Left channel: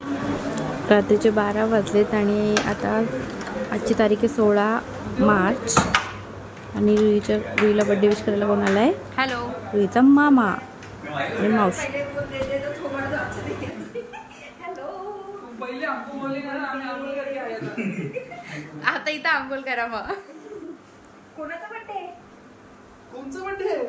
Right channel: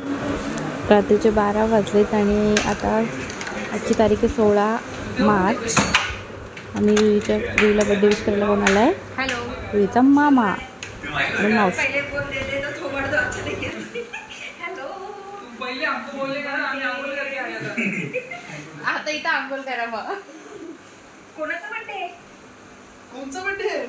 रात्रीचे 12 वाजलेत आणि आता आजची तारीख आहे 16 मार्च आणि रुईला बर्थडे विश करायला कोण आलाय? हॅलो, रुईचा मामा आणि मावशी. आता इथं आंघोळ करा मग. कोणाचा बर्थडे? कोणचा बर्थडे?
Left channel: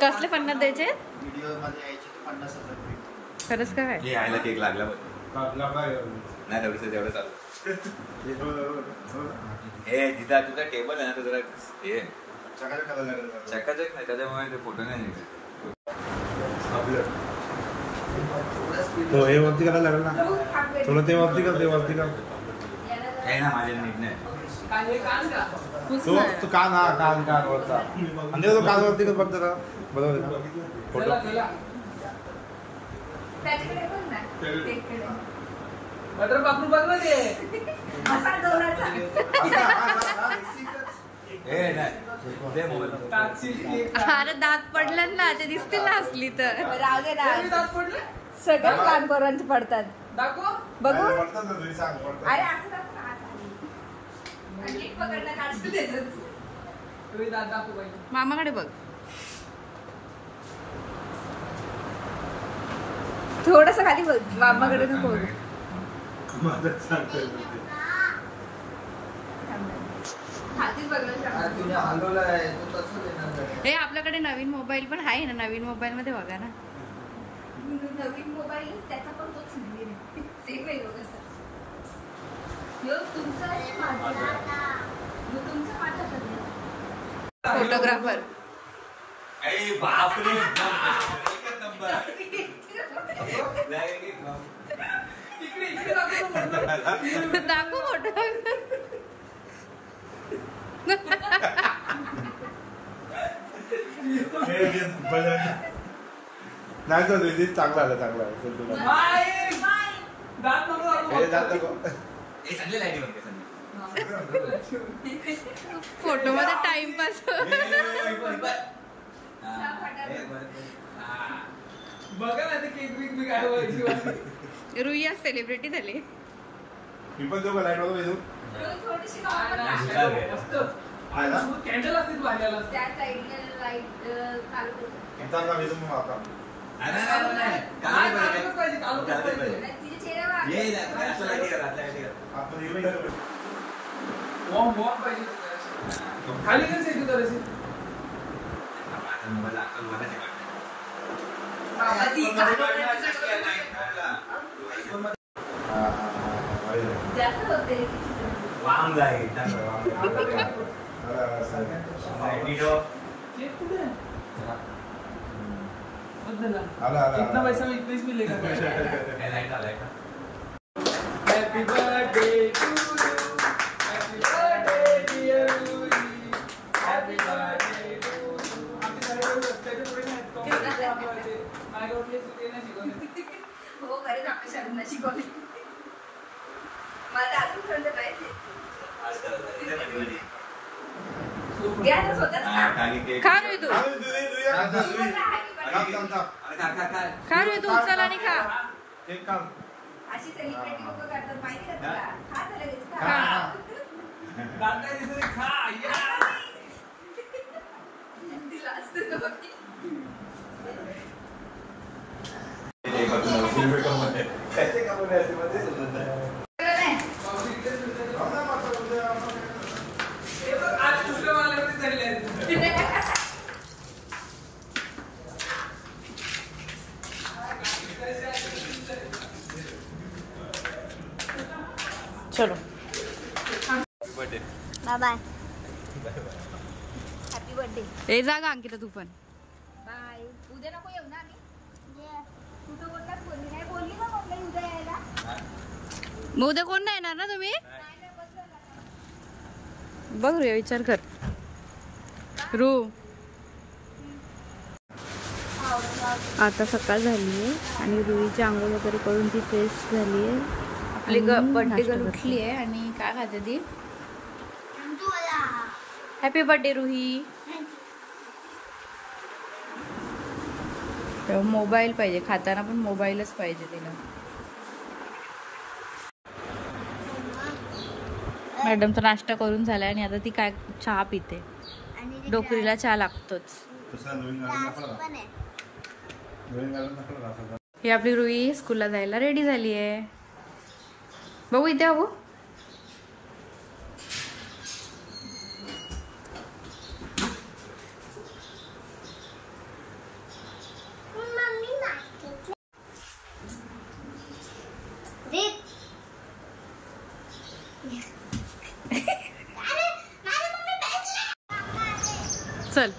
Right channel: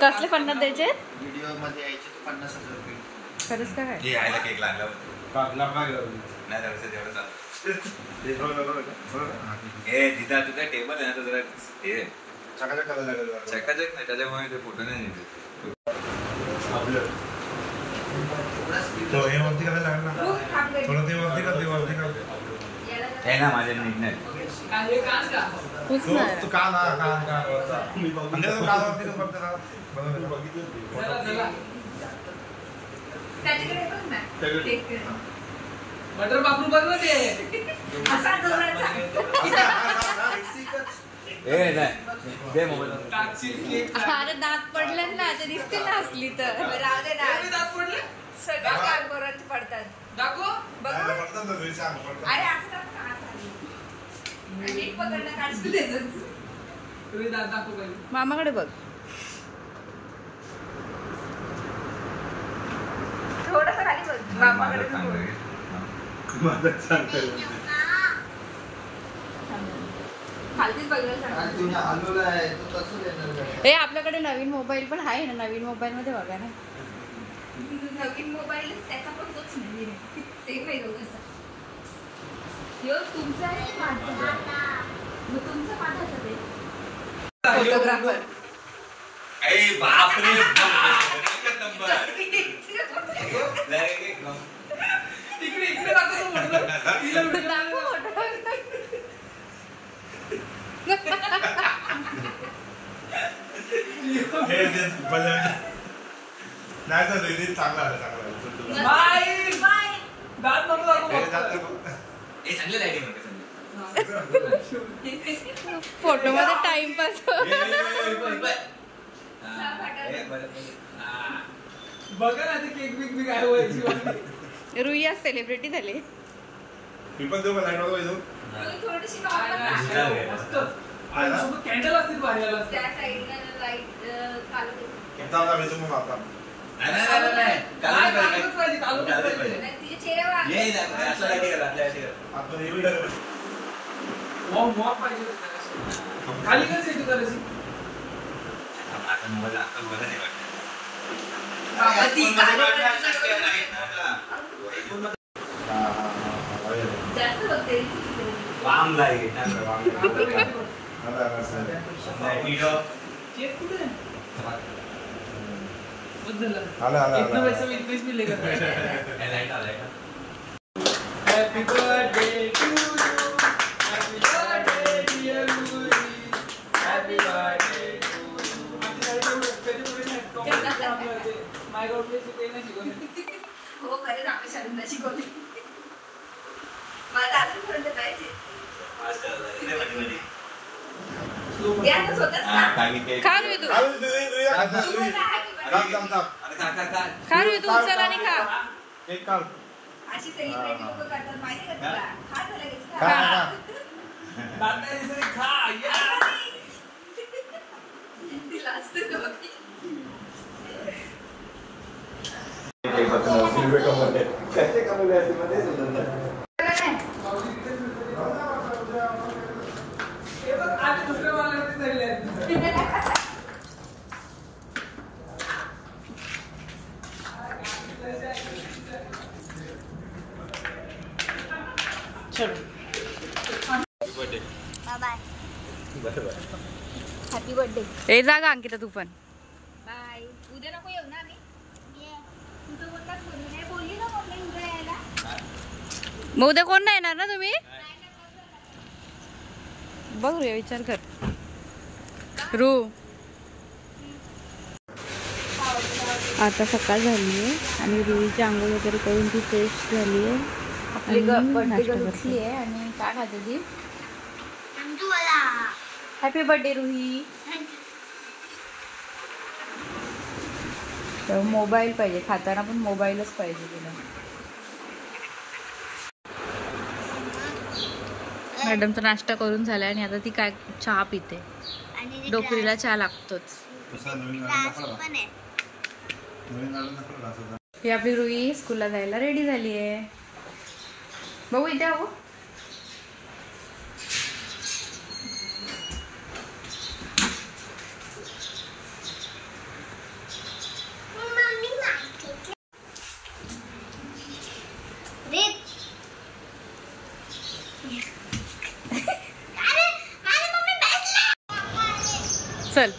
कसले 50 द्यायचे? व्हिडिओ मध्ये यायचे 50,000 रुपये. खरंच काय? हे आयला केक लागला नाही तेवढं चालू. हे जिथं तुझा टेबल आहे ना तो जरा हे चकाचक नाही त्याच्यामुळे ते फोटो नाही हे वरती करायला लागेल ना थोडं ते वरती कर हे ना माझ्या नीट नाही तू कान म्हणजे तो कान वरती कर फक्त बटर बापरू बघ ना ते असा जोराचा अरे दात पडलं ना ते दिसते ना असली तर दात पडले सगळ्याच कानकोरांचे पडतात. दाखव बघू अरे असं दात दाखव पाहिजे मामाकडे बघ. थोडस खाली बघ मामाकडे हे आपल्याकडे नवीन मोबाईल पण आहे ना, नवीन मोबाईल मध्ये बघा ना. नवीन मोबाईल त्याचा पण तोच म्हणजे सेम आहे कसं तुमचा आहे तुमचा माझा फोटोग्राफर. बापरे इकडे दाखव चांगला फोटो मध्ये टाइमपास. बघा ना ते केक बिक बी काय व्हायची. रुई आज सेलिब्रिटी झाले. कॅन्डल असतील बाहेर खाली कसं तू करायची जास्त होते वाम लागेल केक कुठे आला पैसा में इतनीच मिलेगा happy birthday to you happy birthday dear Louis happy birthday to you त्याचे पुढे आपलं ते माय गॉड प्लेस ते नाही शिकवले हो खरंच आपल्या शाळेला शिकवले. मला अजून पर्यंत द्यायचे खा रे तू खा रे तू उचल आणि खा. अशी सेलिब्रिटी लोक करतात माहिती का तुला. खा लगेच खा तिला असते कैसे कमवले असते मध्ये समजत नाही. आज दुसऱ्या मला चालले चलो बाय हॅपी बर्थडे. ए जागा अंकिता तू पण. बाय. उद्या नको येऊ ना आम्ही. कुठं बोललात बोलली नाही बोलली ना मम्मी उद्या यायला. मग उद्या कोण नाही येणार ना तुम्ही. बघ रे विचार कर रू. आता सकाळ झाली आहे आणि रुईची आंघोळ वगैरे करून ती फ्रेश झाली आहे. आपली बर्थडे गर्ल उठली आहे आणि काय खाते ती. Happy birthday Ruhi. मोबाईल पाहिजे खाताना पण मोबाईलच पाहिजे तिला. मॅडमचा नाश्ता करून झालाय आणि आता ती काय चहा पिते. डोकरीला चहा लागतोच. ही आपली रुई स्कूलला जायला रेडी झाली आहे. बघू इथे बघू. चल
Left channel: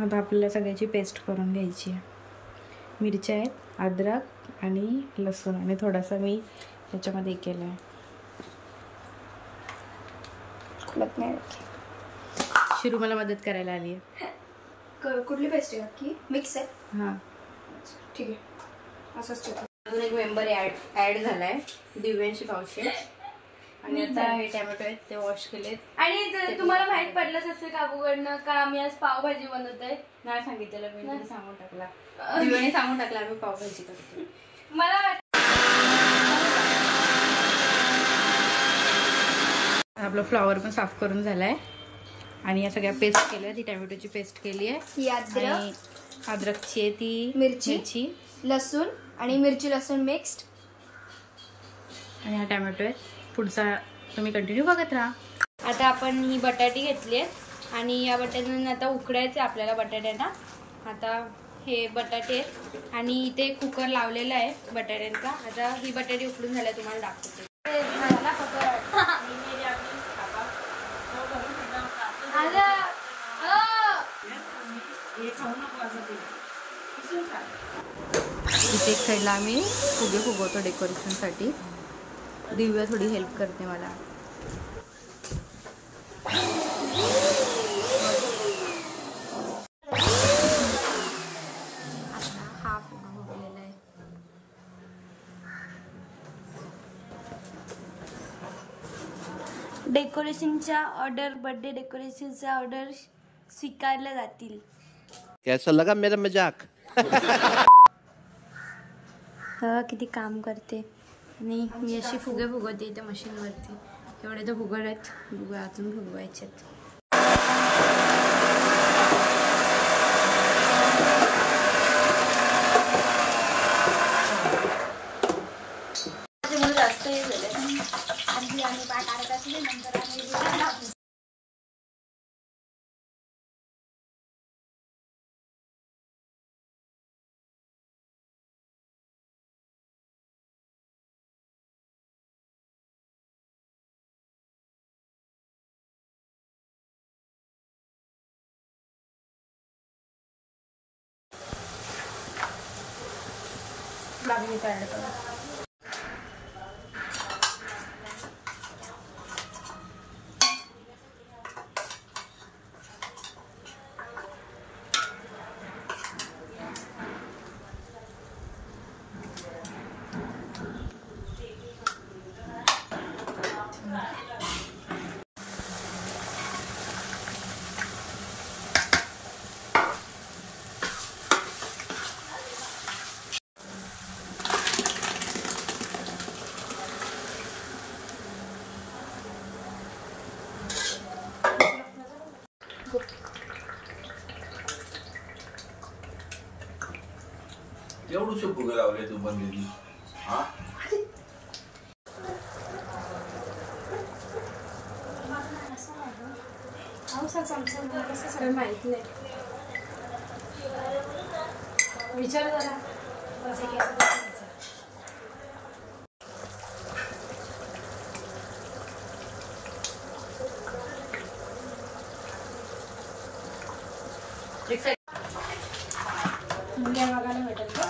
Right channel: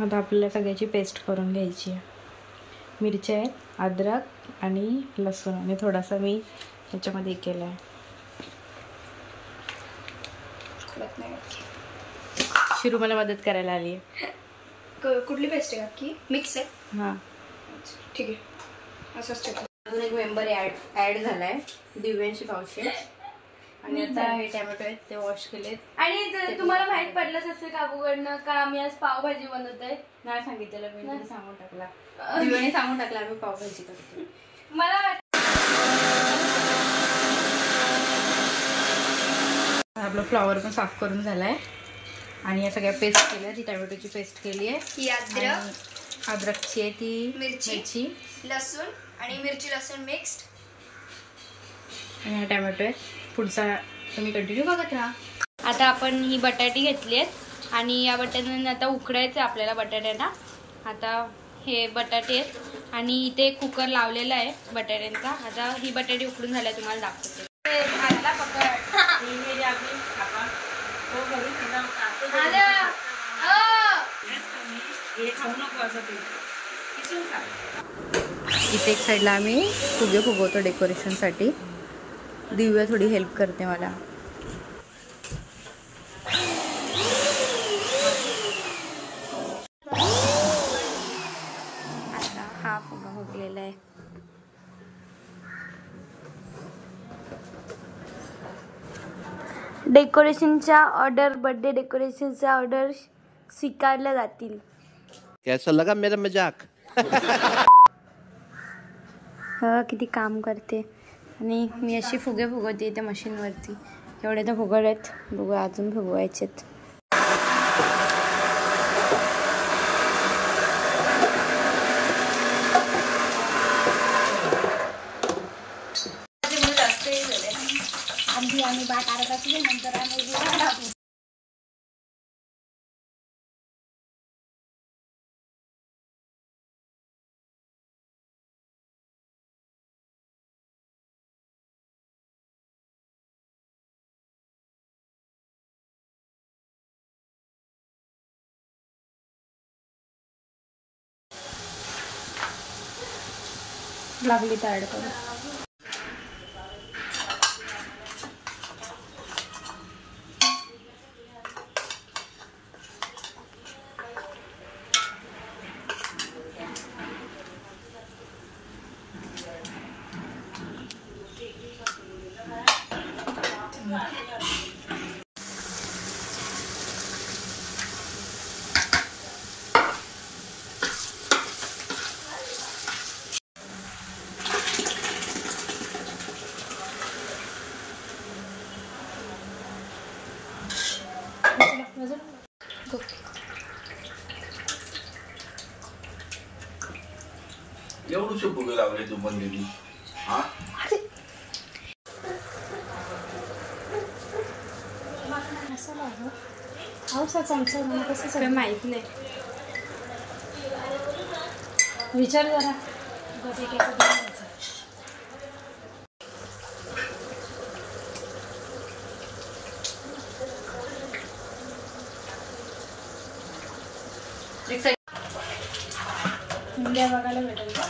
आता आपल्याला सगळ्याची पेस्ट करून घ्यायची आहे. मिरच्या आहेत, अद्रक आणि लसूण आणि थोडासा मी याच्यामध्ये केला आहे. शिरू मला मदत करायला आली आहे. कुठली पेस्ट आहे की मिक्स आहे. हां ठीक आहे असंच ठेव. अजून एक मेंबर ॲड झाला आहे दिव्यांशी पावशे. आणि आता हे टॅमॅटो आहेत ते वॉश केलेत. आणि तुम्हाला माहित पडलंच असेल काकूकडनं का आम्ही आज पावभाजी बनवत आहे. नाही सांगितलेलं मी सांगून टाकला. दिव्याने सांगून टाकला आम्ही पावभाजी करतो. मला आपलं फ्लॉवर पण साफ करून झालाय आणि या सगळ्या पेस्ट केल्या. ती टॅमॅटोची पेस्ट केली आहे. ही अद्रक अद्रकची आहे ती मिरची लसूण आणि मिरची लसूण मिक्स्ड आणि हा टॅमॅटो आहे. पुढचा तुम्ही कंटिन्यू बघत राहा. आता आपण ही बटाटी घेतली आहेत आणि या बटाट्यांना आता उकडायचं आपल्याला बटाट्यांना. आता हे बटाटे आहेत आणि इथे कुकर लावलेला आहे बटाट्यांचा. आता ही बटाटी उकडून झाल्या तुम्हाला दाखवते. इथे एक साईडला आम्ही फुगे फुगवतो डेकोरेशनसाठी. दिव्या थोडी हेल्प करते मला. आता हा फुगा फुगलेला आहे. डेकोरेशनच्या ऑर्डर बर्थडे डेकोरेशनच्या ऑर्डर स्वीकारल्या जातील. कैसा लगा मेरा मजाक. किती काम करते आणि मी अशी फुगे फुगवते त्या मशीनवरती. एवढे तर फुगत आहेत. बघू अजून फुगवायचेत. लागली तर ऍड करू. एवढूशे फुगे लावले तू पण दिली. हा काय माहित नाही. विचार जरा. मुंग्या बघायला भेटेल का?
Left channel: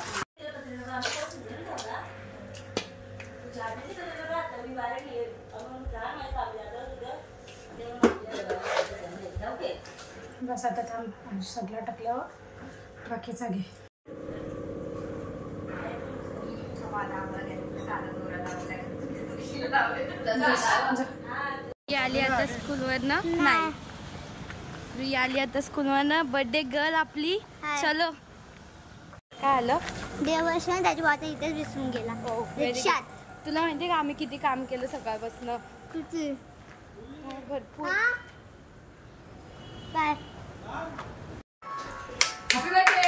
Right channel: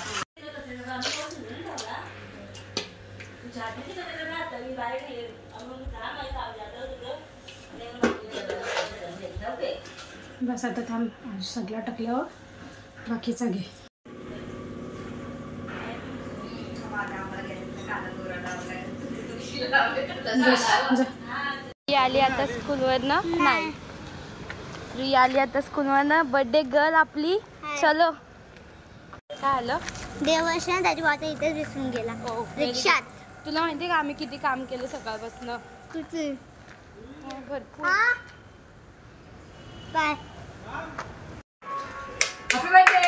बस आता थांब, सगळं टाकल्यावर बाकीचा घे. आली आता स्कूलवरनं. नाही, रुई आली आता स्कूलवरनं. बर्थडे गर्ल आपली. चलो. काय आलं? देवदर्शन त्याची वाट इथेच विसरून गेला. रिक्षात. तुला माहितीये का आम्ही किती काम केलं सकाळपासून? किती? भरपूर. बाय. Happy birthday.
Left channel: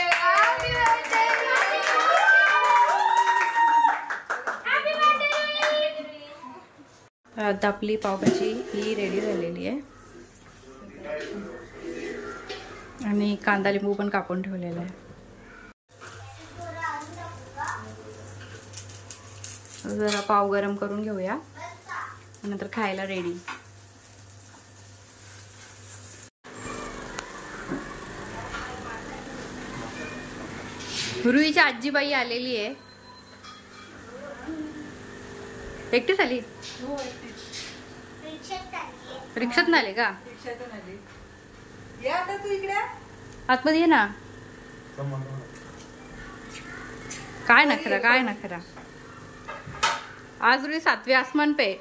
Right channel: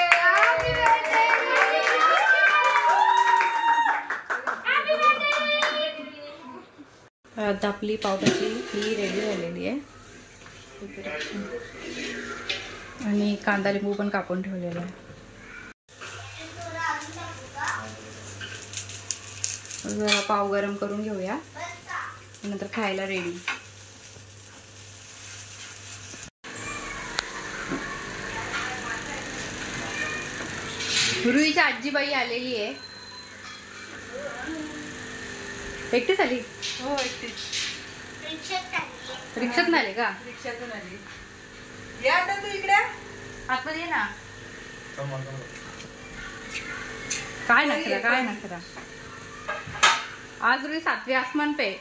आता आपली पावभाजी ही रेडी झालेली आहे आणि कांदा लिंबू पण कापून ठेवलेला आहे. जरा पाव गरम करून घेऊया, नंतर खायला रेडी. रुईची आजीबाई आलेली आहे. एकटीच आली? हो, एकटीच. रिक्षात आले का? रिक्षातून आली. या आता तू इकडे. आतमध्ये ये ना. काय नखरा, काय नखरा. आज रुई 7वे आसमान पे.